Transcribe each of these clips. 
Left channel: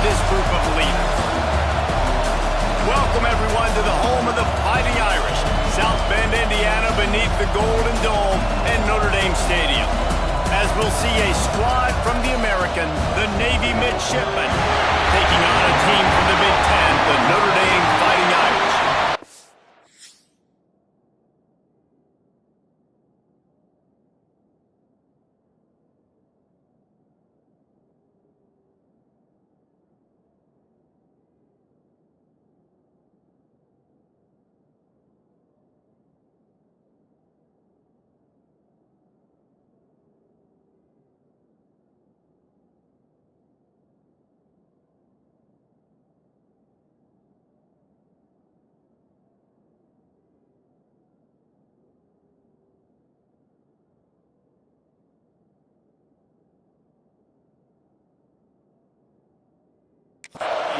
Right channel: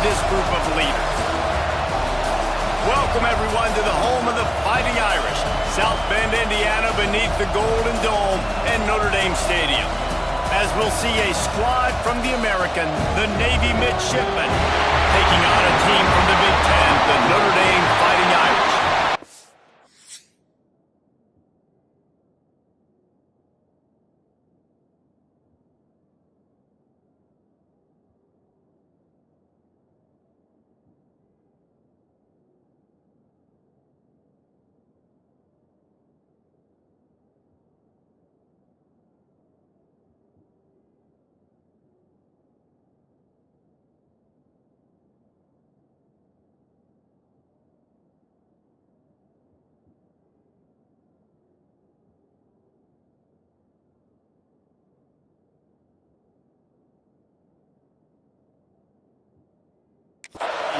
this group of leaders. Welcome, everyone, to the home of the Fighting Irish, South Bend, Indiana, beneath the Golden Dome and Notre Dame Stadium. As we'll see a squad from the American, the Navy Midshipmen, taking on a team from the Big Ten, the Notre Dame Fighting Irish.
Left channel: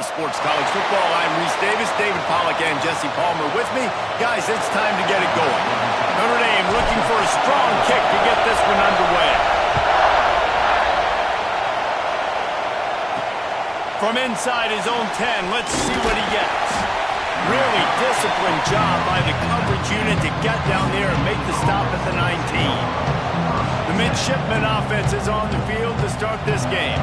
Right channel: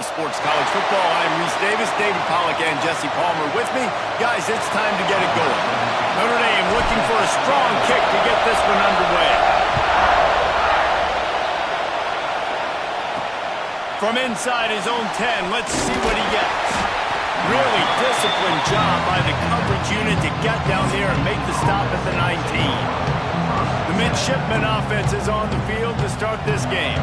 Sports College Football. I'm Reese Davis, David Pollack, and Jesse Palmer with me. Guys, it's time to get it going. Notre Dame looking for a strong kick to get this one underway. From inside his own 10, let's see what he gets. Really disciplined job by the coverage unit to get down there and make the stop at the 19. The Midshipmen offense is on the field to start this game.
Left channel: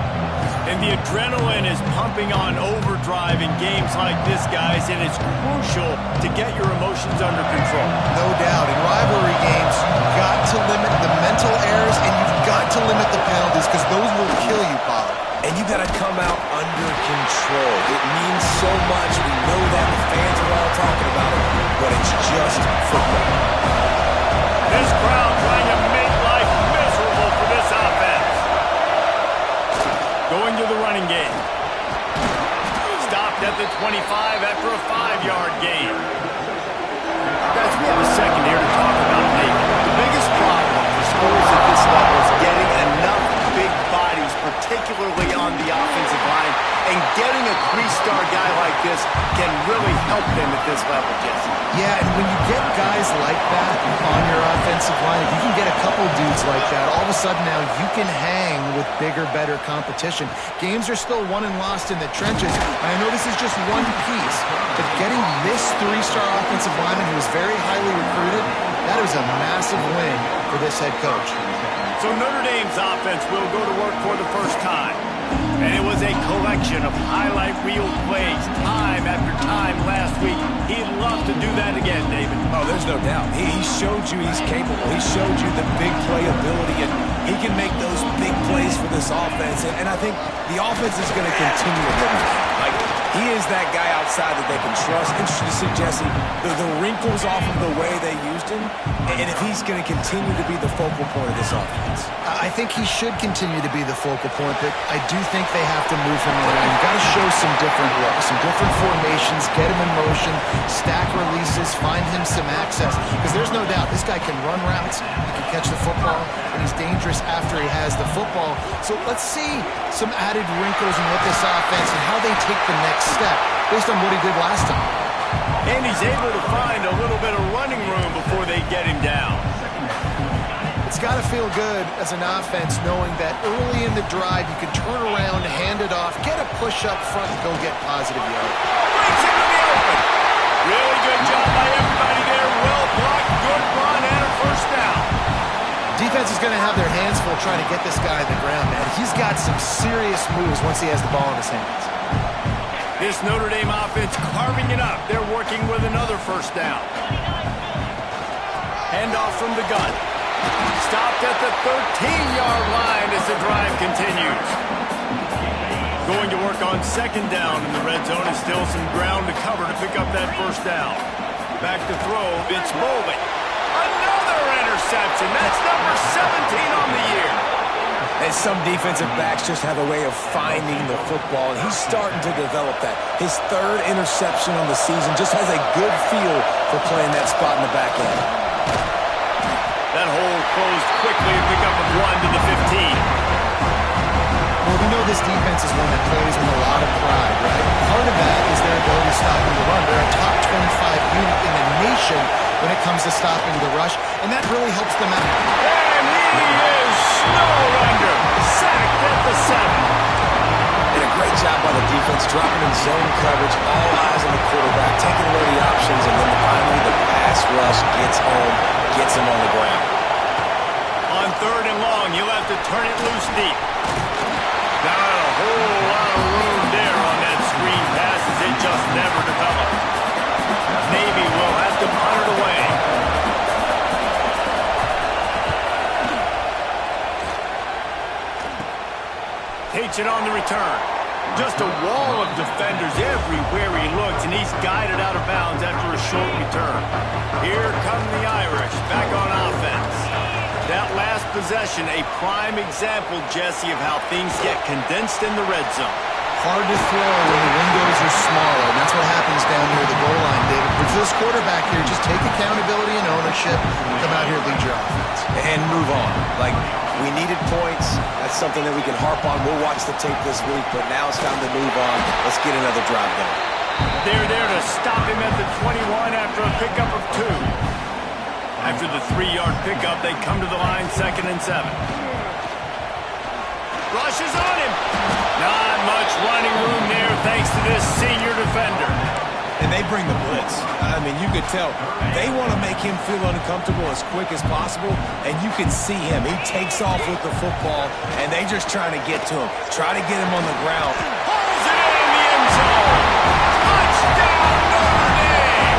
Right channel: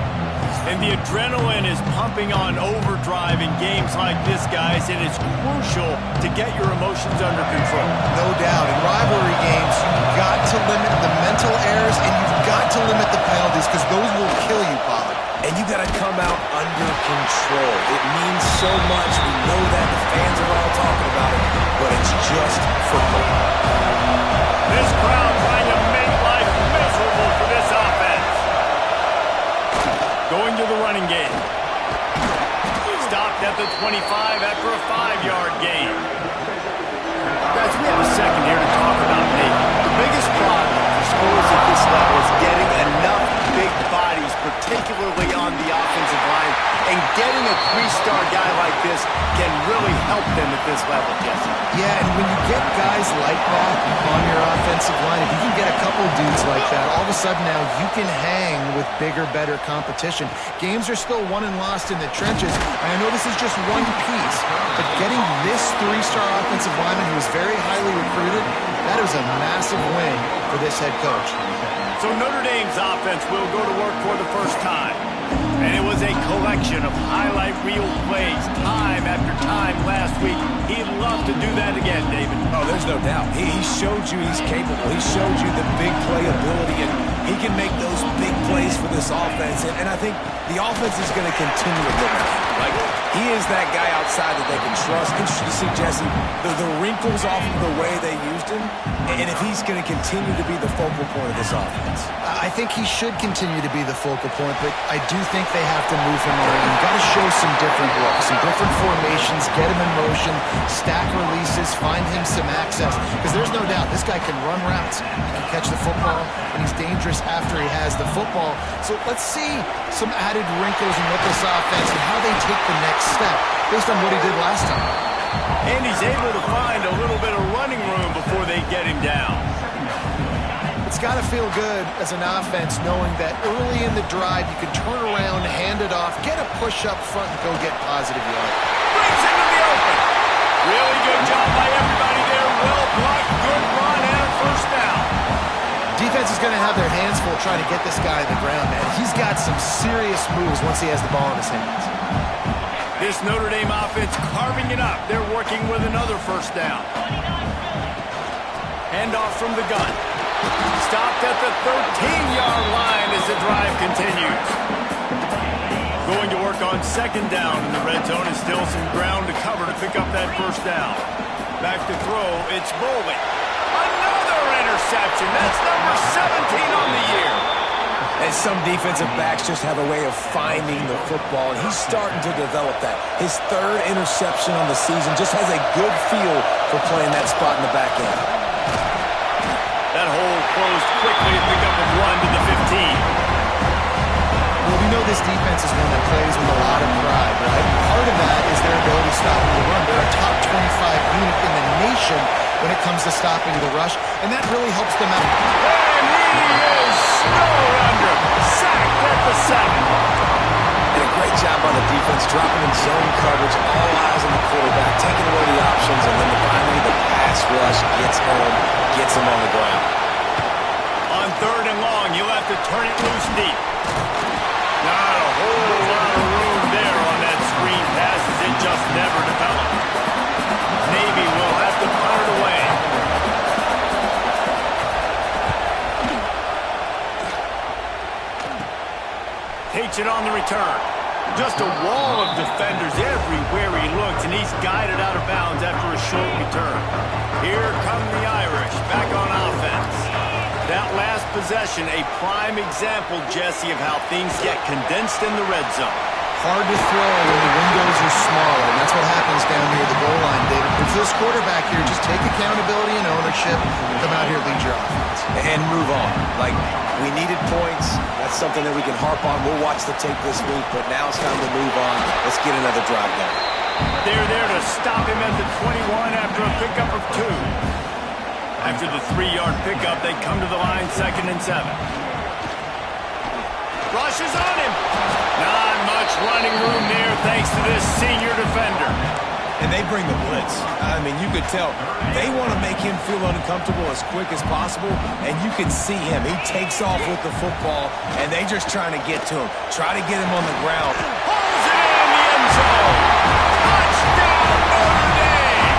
And the adrenaline is pumping on overdrive in games like this, guys, and it's crucial to get your emotions under control. No doubt. In rivalry games, you've got to limit the mental errors, and you've got to limit the penalties, because those will kill you, Pollard. And you got to come out under control. It means so much. We know that. The fans are all talking about it, but it's just football. This crowd trying to make life miserable for this offense. Going to the running game. Stopped at the 25 after a 5-yard gain. Guys, we have a second here to talk about Navy. The biggest problem for schools at this level is getting enough big bodies, particularly on the offensive line, and getting a 3-star guy like this can really help them at this level, Jesse. Yeah, and when you get guys like that on your offensive line, if you can get a couple dudes like that, all of a sudden now you can hang with bigger, better competition. Games are still won and lost in the trenches. I know this is just one piece, but getting this 3-star offensive lineman who is very highly recruited, that is a massive win for this head coach. So Notre Dame's offense will go to work for the first time. And it was a collection of highlight reel plays time after time last week. He'd love to do that again, David. Oh, there's no doubt. He showed you he's capable. He showed you the big play ability, and he can make those big plays for this offense. And I think the offense is going to continue to look at him. Like, he is that guy outside that they can trust. Interesting to see, Jesse, the wrinkles off of the way they used him, and if he's going to continue to be the focal point of this offense. I think he should continue to be the focal point, but I do think they have to move him around. You've got to show some different looks, some different formations, get him in motion, stack releases, find him some access. Because there's no doubt this guy can run routes, he can catch the football, and he's dangerous after he has the football. So let's see some added wrinkles in what this offense and how they take the next step based on what he did last time. And he's able to find a little bit of running room before they get him down. It's got to feel good as an offense knowing that early in the drive you can turn around, hand it off, get a push up front, and go get positive yard. Breaks into the open. Really good job by everybody there. Well blocked, good run, and a first down. Defense is going to have their hands full trying to get this guy on the ground, man. He's got some serious moves once he has the ball in his hands. This Notre Dame offense carving it up. They're working with another first down. Handoff from the gun. Stopped at the 13-yard line as the drive continues. Going to work on second down in the red zone, and still some ground to cover to pick up that first down. Back to throw, it's Boley. Another interception. That's number 17 on the year. And some defensive backs just have a way of finding the football, and he's starting to develop that. His 3rd interception on the season, just has a good feel for playing that spot in the back end. That hole closed quickly, a pickup of 1 to the 15. Well, we know this defense is one that plays with a lot of pride, right? Part of that is their ability to stop the run. They're a top 25 unit in the nation when it comes to stopping the rush, and that really helps them out. And he is snowed under, sacked at the 7. And a great job by the defense, dropping in zone coverage, all eyes on the quarterback, taking away the options, and then finally the pass rush gets home, gets him on the ground. On 3rd and long, you'll have to turn it loose deep. Not a whole lot of room there on that screen pass as it just never developed. Navy will have to punt it away. Takes it on the return. Just a wall of defenders everywhere he looks, and he's guided out of bounds after a short return. Here come the Irish, back on offense. That last possession, a prime example, Jesse, of how things get condensed in the red zone. Hard to throw when the windows are smaller, and that's what happens down near the goal line, David. But for this quarterback here, just take accountability and ownership, come out here, lead your offense. And move on. Like, we needed points. That's something that we can harp on. We'll watch the tape this week, but now it's time to move on. Let's get another drive going. They're there to stop him at the 21 after a pickup of 2. After the 3-yard pickup, they come to the line 2nd and 7. Rushes on him. Not much running room there thanks to this senior defender. And they bring the blitz. I mean, you could tell they want to make him feel uncomfortable as quick as possible, and you can see him. He takes off with the football, and they just trying to get to him. Try to get him on the ground. Pulls it in the end zone. Touchdown, Notre Dame.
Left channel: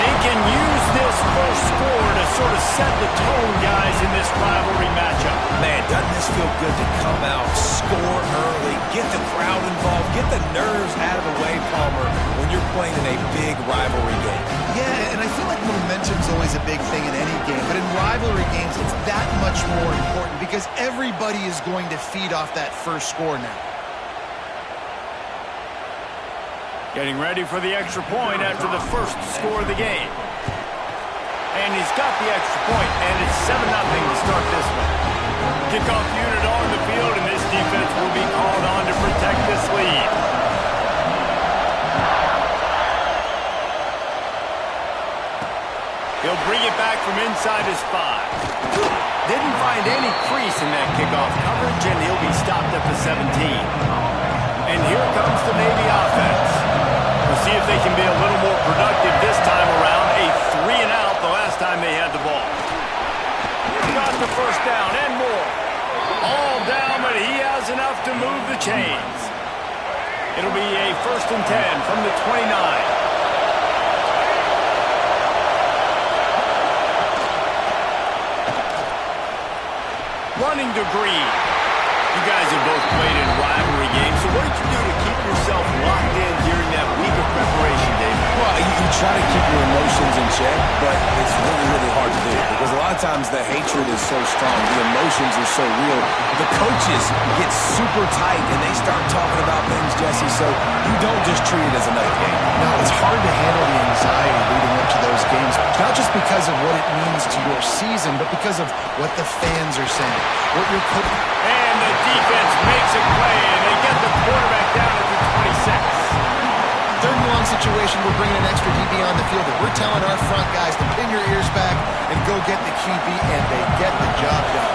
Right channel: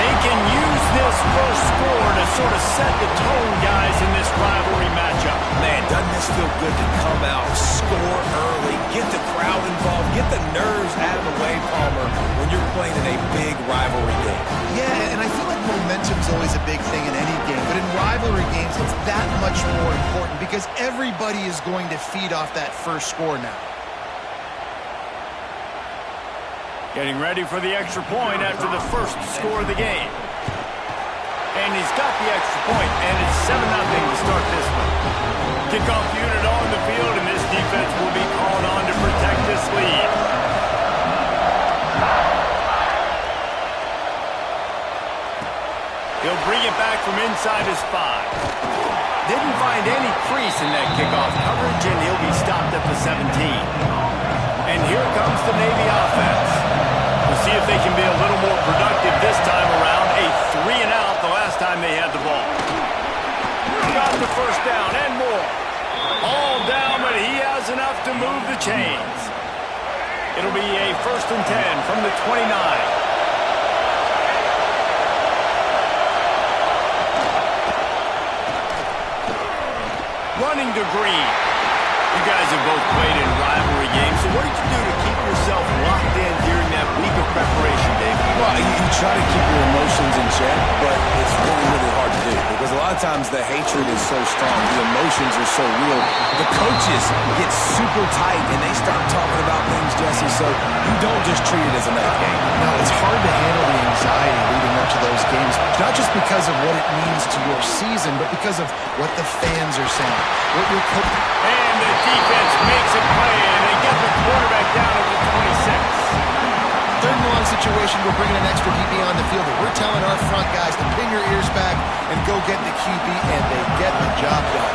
They can use this first score to sort of set the tone, guys, in this rivalry matchup. Man, doesn't this feel good to come out, score early, get the crowd involved, get the nerves out of the way, Palmer, when you're playing in a big rivalry game. Yeah, and I feel like momentum's always a big thing in any game, but in rivalry games, it's that much more important because everybody is going to feed off that first score now. Getting ready for the extra point after the first score of the game. And he's got the extra point, and it's 7-0 to start this one. Kickoff unit on the field, and this defense will be called on to protect this lead. He'll bring it back from inside his 5. Didn't find any crease in that kickoff coverage, and he'll be stopped at the 17. And here comes the Navy offense. We'll see if they can be a little more productive this time around. A 3-and-out the last time they had the ball. Got the first down and more. All down, but he has enough to move the chains. It'll be a 1st and 10 from the 29. Running to Green. You guys have both played in rivalry games, so what did you do to keep yourself locked in during that week of preparation, David? Well, you try to keep your emotions in check, but it's really, really hard to do because a lot of times the hatred is so strong, the emotions are so real. The coaches get super tight and they start talking about things, Jesse, so you don't just treat it as another game. No, it's hard to handle the anxiety leading up to those games, not just because of what it means to your season, but because of what the fans are saying, what your coach... And the defense makes a play, and they get the quarterback down at the 26. 3rd and long situation, we're bringing an extra DB on the field, and we're telling our front guys to pin your ears back and go get the QB, and they get the job done.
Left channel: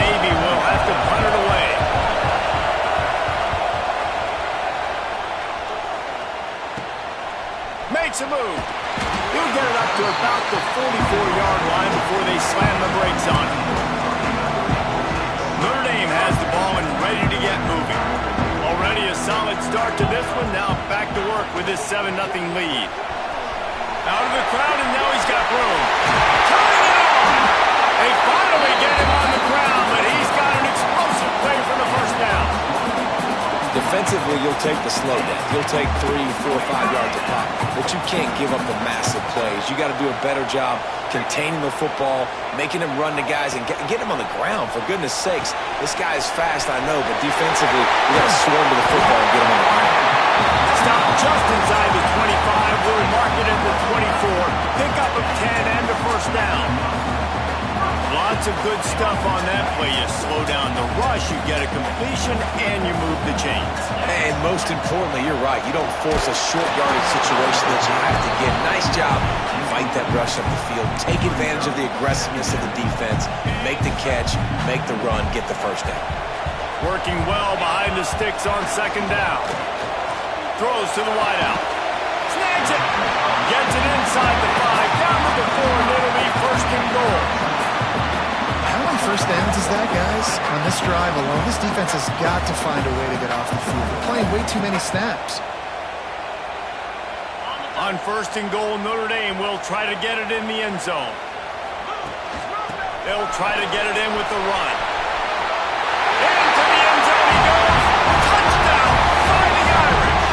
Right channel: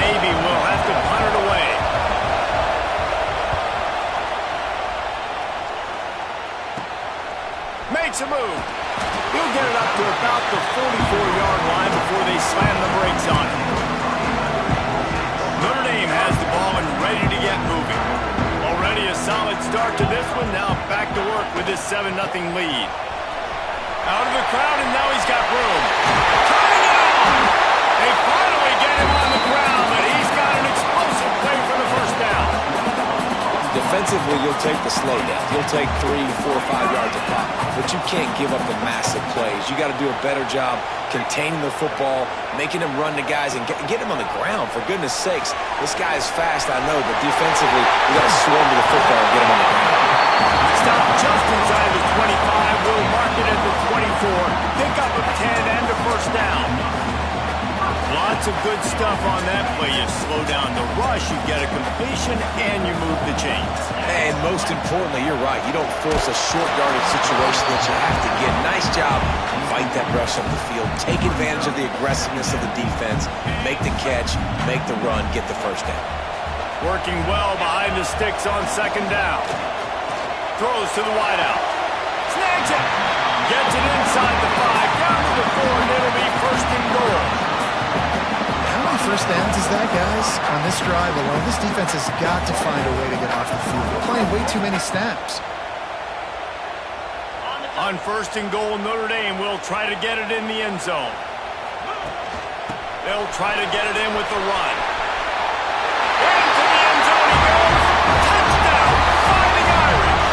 Maybe we'll have to punt it away. Makes a move. He'll get it up to about the 44-yard line before they slam the brakes on him. Notre Dame has the ball and ready to get moving. Already a solid start to this one. Now back to work with this 7-0 lead. Out of the crowd, and now he's got room. Turning it on! They finally get him on the ground, but he's got an explosive play for the first down. Defensively, you'll take the slow down. You'll take 3, 4, 5 yards a pop, but you can't give up the massive plays. You got to do a better job containing the football, making him run to guys, and get him on the ground. For goodness sakes, this guy is fast, I know, but defensively, you got to swarm to the football and get him on the ground. Stop just inside the 25. We'll mark it at the 24. Pick up of 10 and a first down. Lots of good stuff on that play. You slow down the rush, you get a completion, and you move the chains. And most importantly, you're right. You don't force a short yardage situation that you have to get. Nice job. Fight that rush up the field. Take advantage of the aggressiveness of the defense. Make the catch, make the run, get the first down. Working well behind the sticks on second down. Throws to the wideout. Snags it. Gets it inside the 5, down to the 4, and it'll be first and goal. How many first downs is that, guys? On this drive alone, this defense has got to find a way to get off the field. They're playing way too many snaps. On first and goal, Notre Dame will try to get it in the end zone. They'll try to get it in with the run. Into the end zone he goes. Touchdown, Fighting Irish.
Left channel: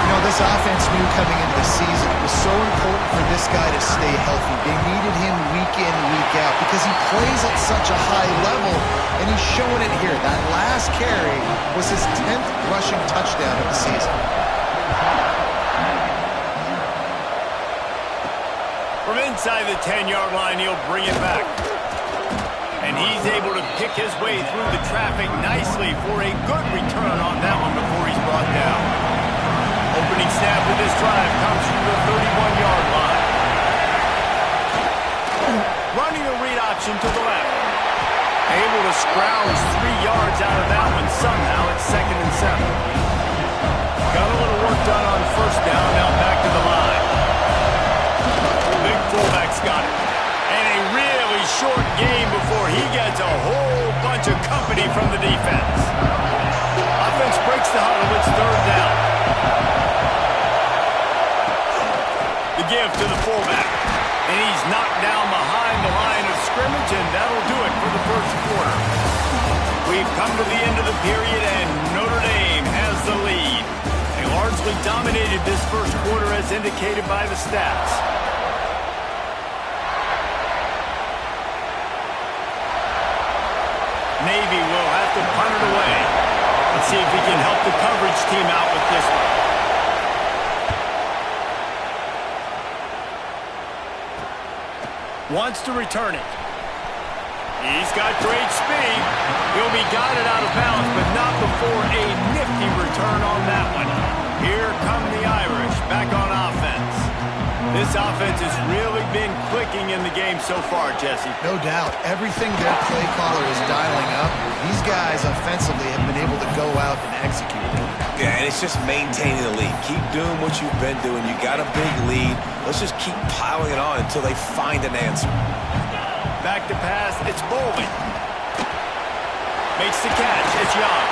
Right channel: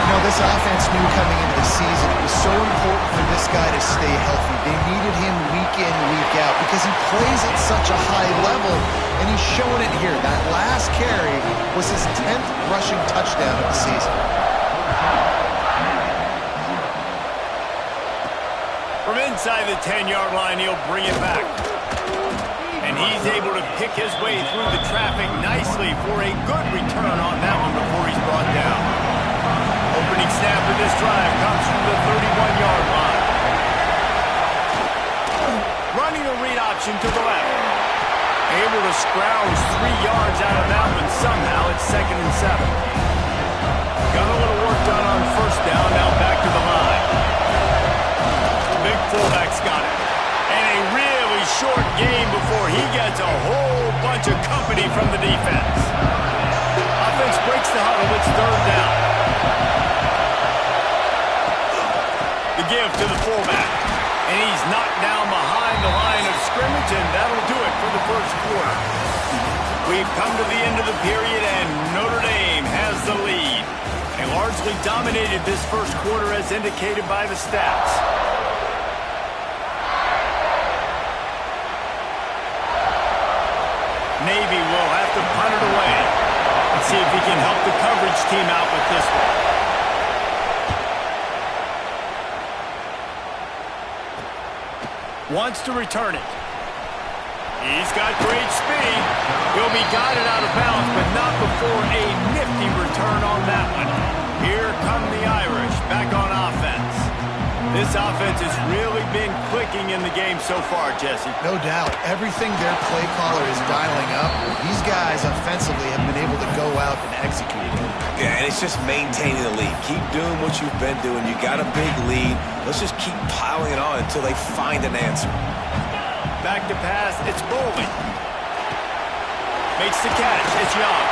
You know, this offense knew coming into the season it was so important for this guy to stay healthy. They needed him week in, week out because he plays at such a high level, and he's showing it here. That last carry was his 10th rushing touchdown of the season. From inside the 10-yard line, he'll bring it back. And he's able to pick his way through the traffic nicely for a good return on that one before he's brought down. Opening snap of this drive comes from the 31-yard line. Running a read option to the left. Able to scrounge 3 yards out of that one somehow. It's 2nd and 7. Got a little work done on first down. Now back to the line. Big fullback's got it. And a really short game before he gets a whole bunch of company from the defense. Offense breaks the huddle. It's 3rd down. The give to the fullback. And he's knocked down behind the line of scrimmage, and that'll do it for the first quarter. We've come to the end of the period, and Notre Dame has the lead. They largely dominated this first quarter as indicated by the stats. Navy will have to punt it away. Let's see if he can help the coverage team out with this one. Wants to return it. He's got great speed. He'll be guided out of bounds, but not before a nifty return on that one. Here come the Irish back on offense. This offense has really been clicking in the game so far, Jesse. No doubt. Everything their play caller is dialing up, these guys offensively have been able to go out and execute. Yeah, and it's just maintaining the lead. Keep doing what you've been doing. You got a big lead. Let's just keep piling it on until they find an answer. Back to pass. It's Bowling. Makes the catch. It's Young.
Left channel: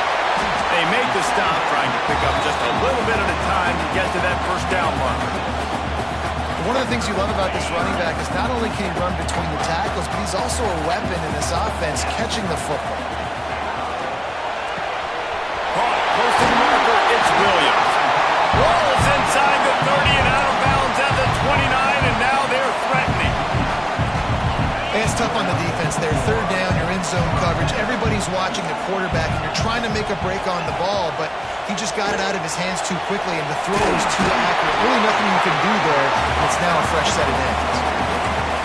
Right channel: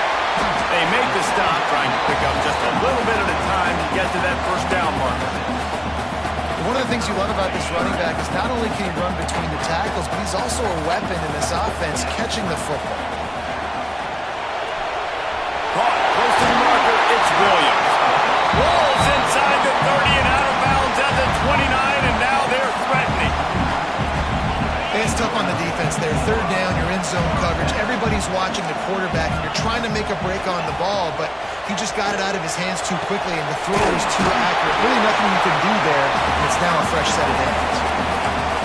They make the stop, trying to pick up just a little bit at a time to get to that first down marker. One of the things you love about this running back is not only can he run between the tackles, but he's also a weapon in this offense catching the football. Caught close to the marker, it's Williams. Rolls inside the 30 and out of bounds at the 29, and now they're threatening. It's tough on the defense there. 3rd down, you're in zone coverage. Everybody's watching the quarterback, and you're trying to make a break on the ball, but he just got it out of his hands too quickly, and the throw was too accurate. Really nothing you can do there, and it's now a fresh set of downs.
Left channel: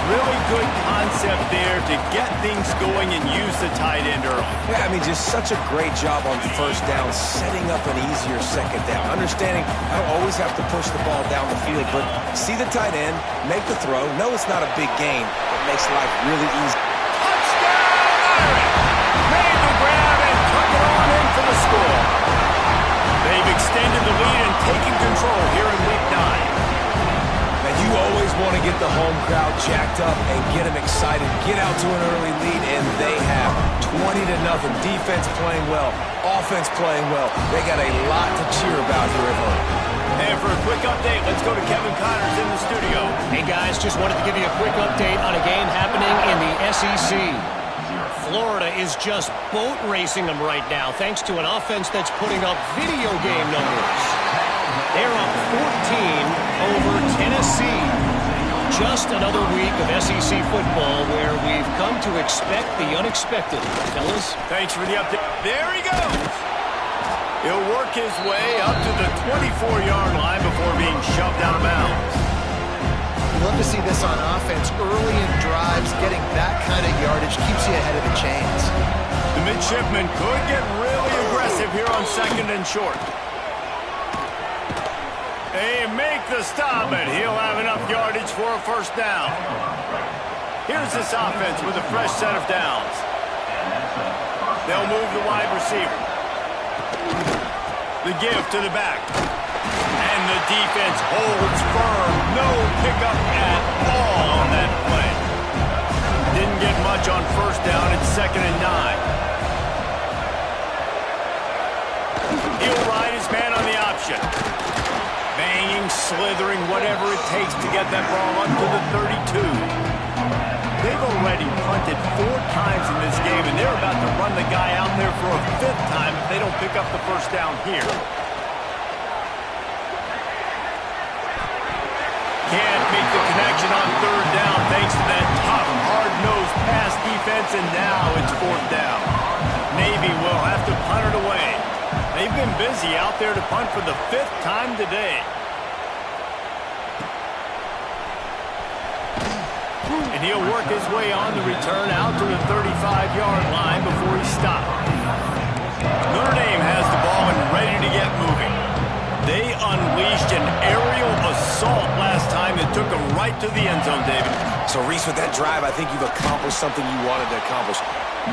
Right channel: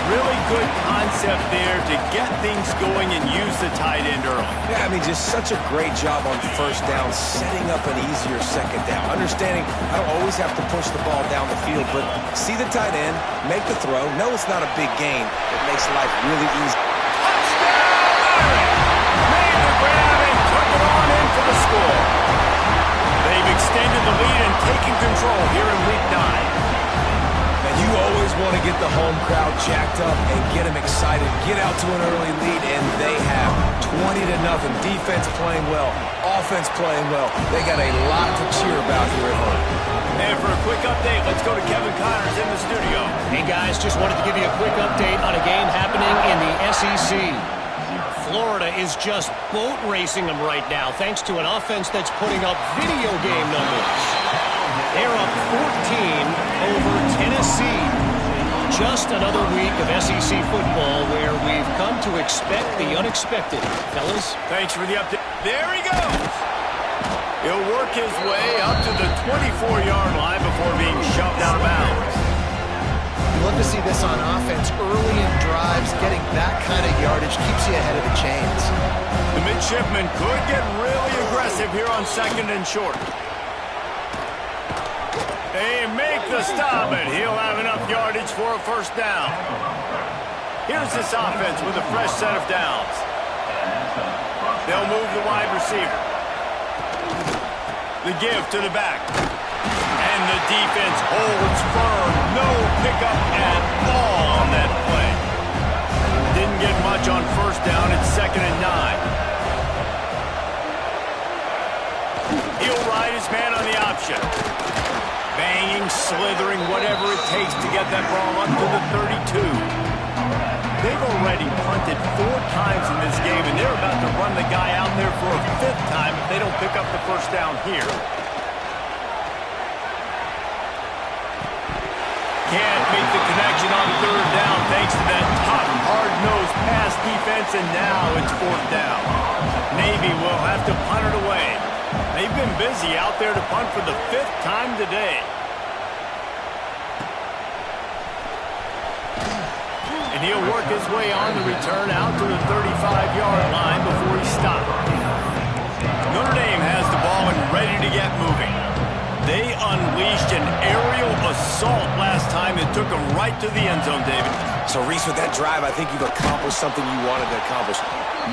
Really good concept there to get things going and use the tight end early. Yeah, I mean, just such a great job on first down, setting up an easier second down. Understanding I don't always have to push the ball down the field, but see the tight end, make the throw. No, it's not a big gain. It makes life really easy. Touchdown, Irish! Made the grab and took it on in for the score. They've extended the lead and taken control here in Week 9. And you always want to get the home crowd jacked up and get them excited. Get out to an early lead, and they have 20-0. Defense playing well, offense playing well. They got a lot to cheer about here at home. And for a quick update, let's go to Kevin Connors in the studio. Hey guys, just wanted to give you a quick update on a game happening in the SEC. Florida is just boat racing them right now, thanks to an offense that's putting up video game numbers. They're up 14 over Tennessee. Just another week of SEC football where we've come to expect the unexpected. Fellas? Thanks for the update. There he goes. He'll work his way up to the 24-yard line before being shoved out of bounds. You love to see this on offense. Early in drives, getting that kind of yardage keeps you ahead of the chains. The midshipman could get really aggressive here on 2nd and short. They make the stop, and he'll have enough yardage for a first down. Here's this offense with a fresh set of downs. They'll move the wide receiver. The give to the back. And the defense holds firm. No pickup at all on that play. Didn't get much on first down. It's 2nd and 9. He'll ride his man on the option. Banging, slithering, whatever it takes to get that ball up to the 32. They've already punted 4 times in this game, and they're about to run the guy out there for a 5th time if they don't pick up the first down here. Can't make the connection on 3rd down thanks to that tough, hard-nosed pass defense, and now it's 4th down. Navy will have to punt it away. They've been busy out there to punt for the 5th time today. And he'll work his way on the return out to the 35-yard line before he stopped. Notre Dame has the ball and ready to get moving. They unleashed an aerial assault last time that took them right to the end zone, David. So, Reese, with that drive, I think you've accomplished something you wanted to accomplish.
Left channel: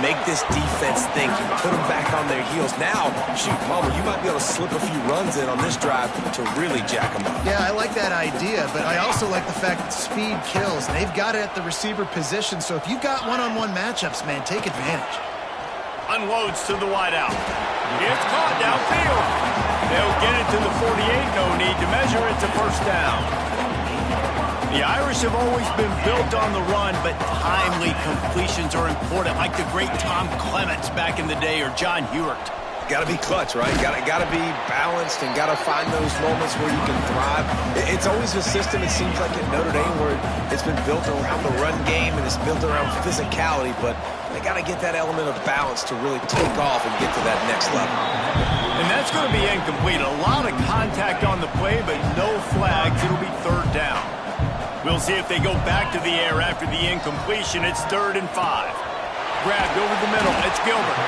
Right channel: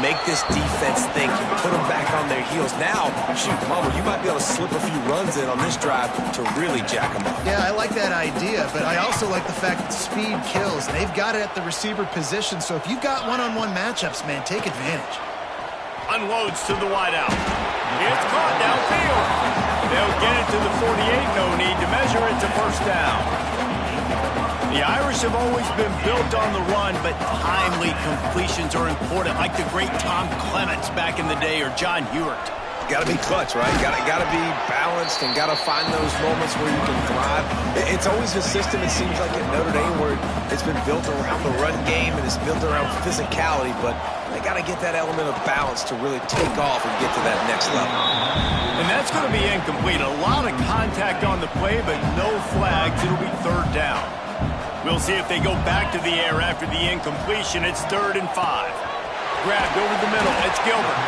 Make this defense think. You put them back on their heels. Now, shoot, Palmer, you might be able to slip a few runs in on this drive to really jack them up. Yeah, I like that idea, but I also like the fact that speed kills. They've got it at the receiver position, so if you've got one-on-one matchups, man, take advantage. Unloads to the wideout. It's caught downfield. They'll get it to the 48. No need to measure. It's a 1st down. The Irish have always been built on the run, but timely completions are important, like the great Tom Clements back in the day or John Hewart. Got to be clutch, right? Got to be balanced and got to find those moments where you can thrive. It's always a system, it seems like, at Notre Dame where it's been built around the run game and it's built around physicality, but they got to get that element of balance to really take off and get to that next level. And that's going to be incomplete. A lot of contact on the play, but no flags. It'll be 3rd down. We'll see if they go back to the air after the incompletion. It's 3rd and 5. Grabbed over the middle. It's Gilbert.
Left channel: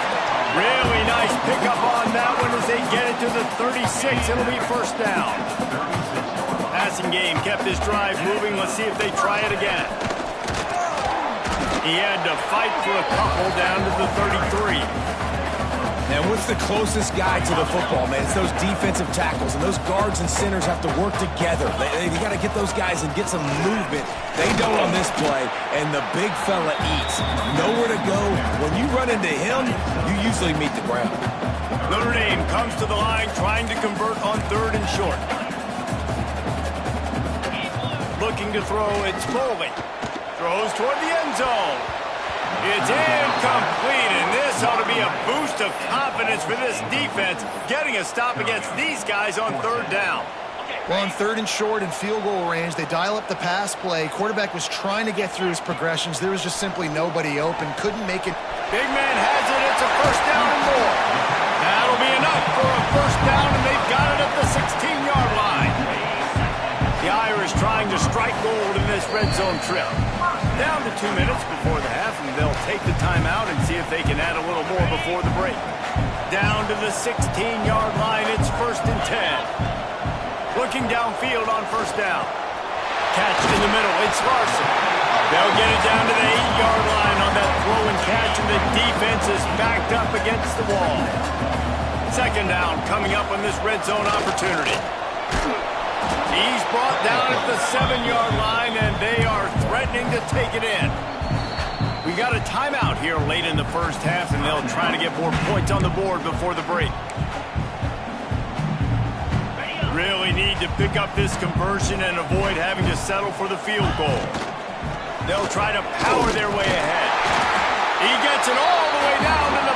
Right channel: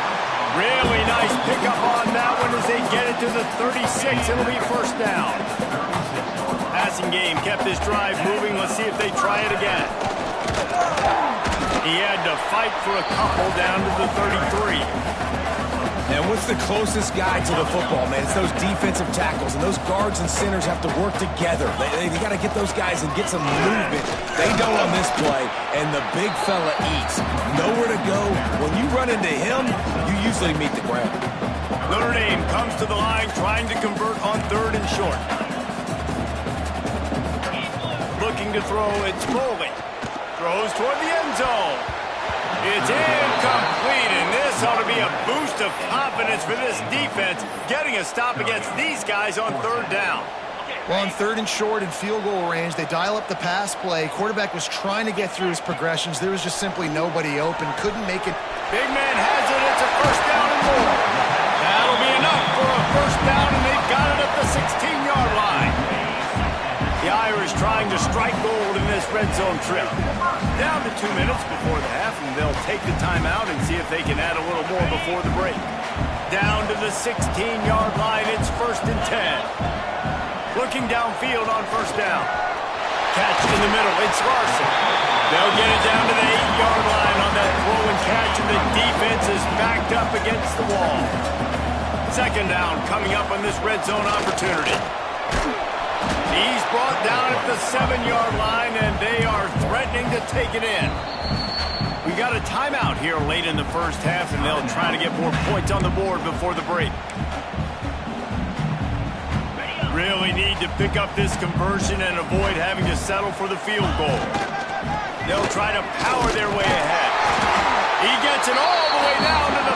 Really nice pickup on that one as they get it to the 36. It'll be 1st down. Passing game kept this drive moving. Let's see if they try it again. He had to fight for a couple down to the 33. And what's the closest guy to the football, man? It's those defensive tackles, and those guards and centers have to work together. They got to get those guys and get some movement. They don't on this play, and the big fella eats. Nowhere to go. When you run into him, you usually meet the ground. Notre Dame comes to the line trying to convert on 3rd and short. Looking to throw, it's Foley. Throws toward the end zone. It's incomplete, and this ought to be a boost of confidence for this defense, getting a stop against these guys on 3rd down. Well, on 3rd and short and field goal range, they dial up the pass play. Quarterback was trying to get through his progressions. There was just simply nobody open. Couldn't make it. Big man has it. It's a 1st down and more. That'll be enough for a 1st down, and they've got it at the 16-yard line. The Irish trying to strike gold in this red zone trip. Down to 2 minutes before the half, and they'll take the timeout and see if they can add a little more before the break. Down to the 16-yard line, it's 1st and 10. Looking downfield on 1st down. Catch in the middle, it's Larson. They'll get it down to the 8-yard line on that throw and catch, and the defense is backed up against the wall. 2nd down coming up on this red zone opportunity. He's brought down at the 7-yard line, and they are threatening to take it in. We got a timeout here late in the 1st half, and they'll try to get more points on the board before the break. Really need to pick up this conversion and avoid having to settle for the field goal. They'll try to power their way ahead. He gets it all the way down to the